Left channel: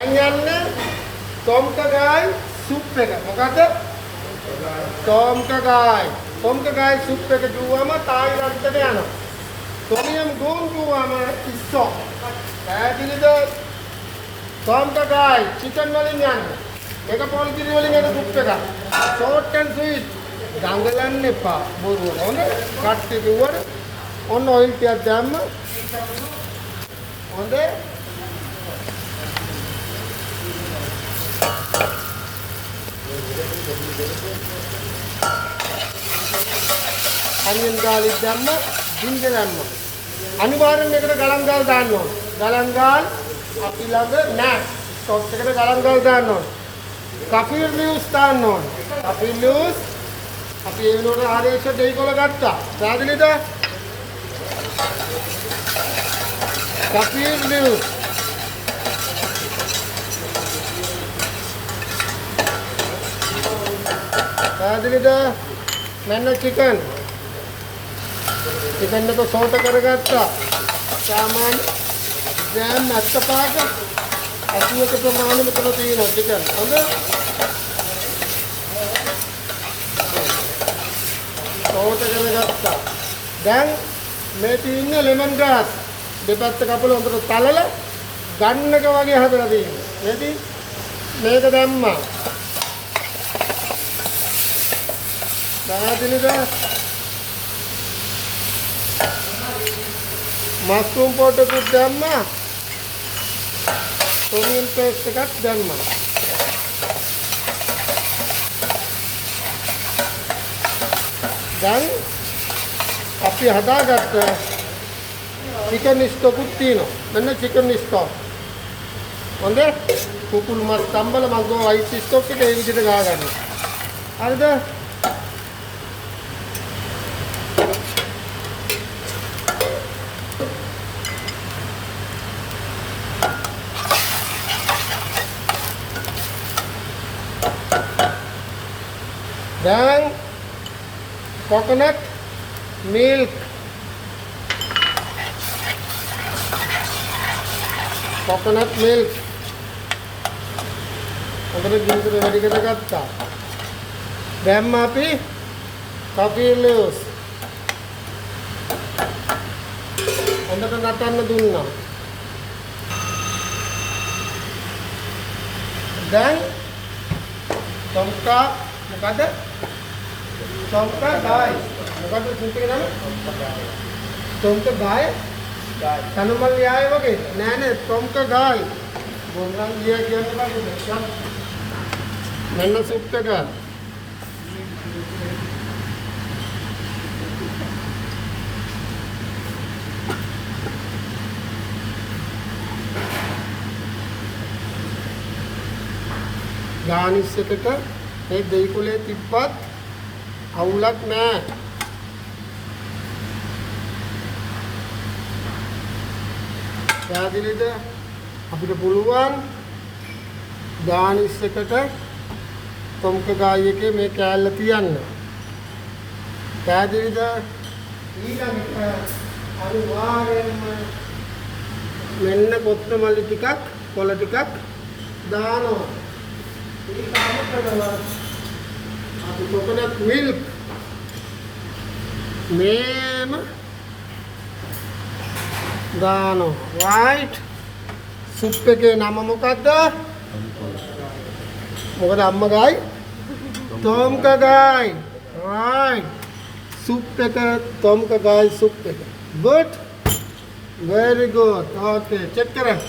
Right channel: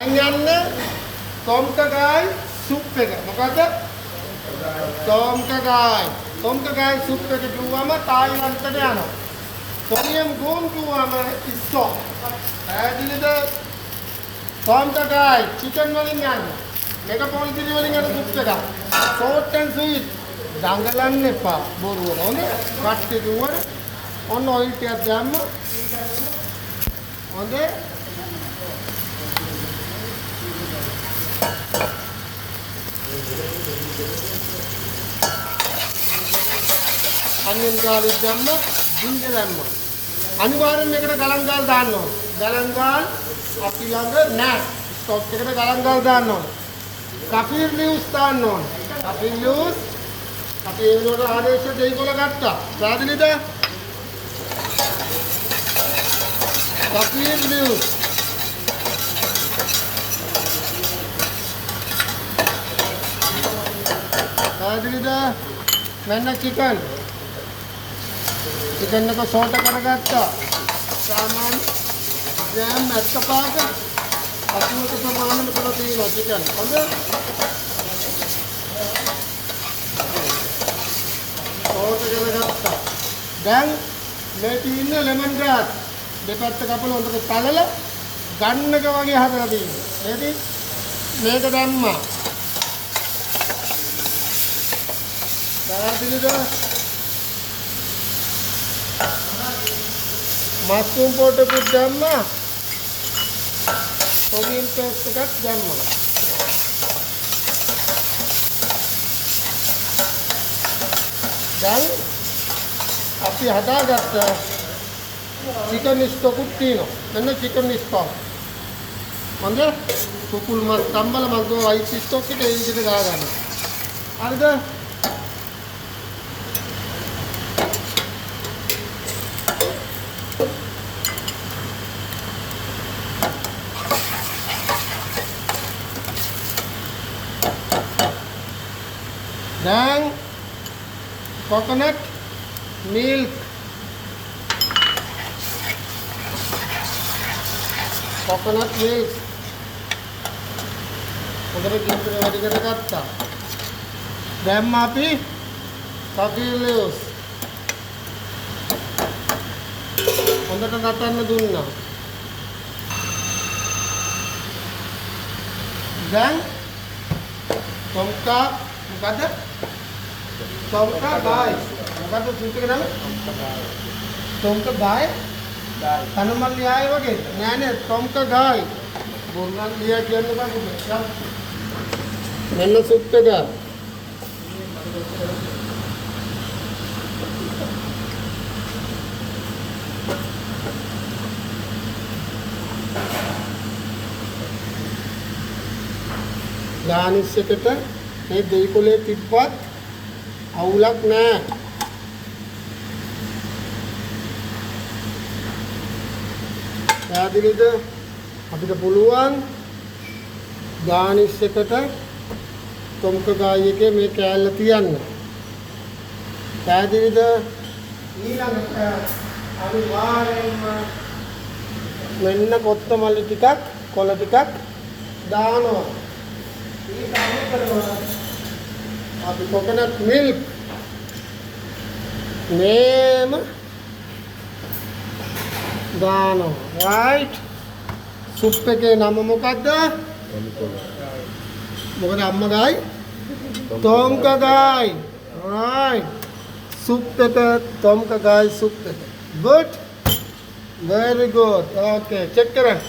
යන්නේ තොම්කගායි සුප් එක. මොකද? තොම්කගායි. තොම්කගායි සුප් එක කිව්වම තායිලන්තයට යනවා. තොමියම් ගෝන් කිව්වම ඉස්සෝ. පැහැදිලිද? තොම්කගායි චිකන් වලින් යන්නේ. මේක පොල් කිරි වලින් යන සුප් එකක්. Short and sweet. දඟලන්න එපා. බොරුවට. හොඳ? කට්ටිය කිව්වොත් ඔන්න ඔයිල් ටිකක් දැම්ම. හොඳ? onion garlic දැම්ම, ginger දැම්ම. අනිවාර්යෙන් මේකට ගලන් ගාල් දාන්න ඕන. ගලන් ගාල් අපි ළඟ නැහැ. ස්ටොක් එකට ගලන් ගාල් දාන්න ඕන. kaffir leaves දාන්න ඕන. kaffir leaves අපි ඒ වෙනකොට ආදේශ දෙයිකොල ගත්තා. පැහැදිලිද? kaffir leaves පැහැදිලිද? මෙන්න chicken चिकन को सॉल्ट करगत्ता सामान्य ग्राम 75 80 के प्रमाण में तो तीन चिकन ओके सॉल्ट करगत्ता දැන් මේ තියෙන ලෙමන් ග්‍රාස් දෙපැත්ත කපලා හොඳට තලලා ගන්න එක වගේ හදලා තියෙනවා නේද මේක දැම්මා දැනදිනද मशरूम पाउडर को डालना ओनियन पेस्ट එකක් දැම්මා දැන් අපි හදාගත්ත චිකන් ස්ටොක් උත් තියෙනවා මෙන්න චිකන් ස්ටොක් හොඳ කුකුල් මස් කම්බල මස් වයිට් ස්ටොක් එක ඒ විදිහට ගා ගන්න හරිද dan coconut milk උඩට ගින්දර වැඩි කරගත්තා දැන් අපි coffee leaves හොඳට නටන්න දුන්නා දැන් තොම්කා මොකද තොම්කගායි මොකද සුප් එක නම තොම්කගායි තනමල් ලියාය වගේ නෑ නෑ තොම්කගායි බොන්නම් ලියා කියන්න බෑ මෙන්න සුප් එක ගානිස් එකට මේ දෙයිකොලේ තිබ්බත් අවුලක් නෑ පැහැදිලිද අපිට පුළුවන් ගානිස් එකට තොම්කගායි එකේ මේ කෑල්ල තියන්න පැහැදිලිද ඊළඟට අනිවාර්යයෙන්ම මෙන්න කොත්තමල්ලි ටිකක් කොළ ටිකක් දානවා ඊට අමතරව අපි coconut milk මේම ගානෝ right සුප් එකේ නම මොකද්ද මොකද අම්මා ගායි තොම්කගායි right සුප් එක තොම්කගායි සුප් එක good very good okay check කරන්න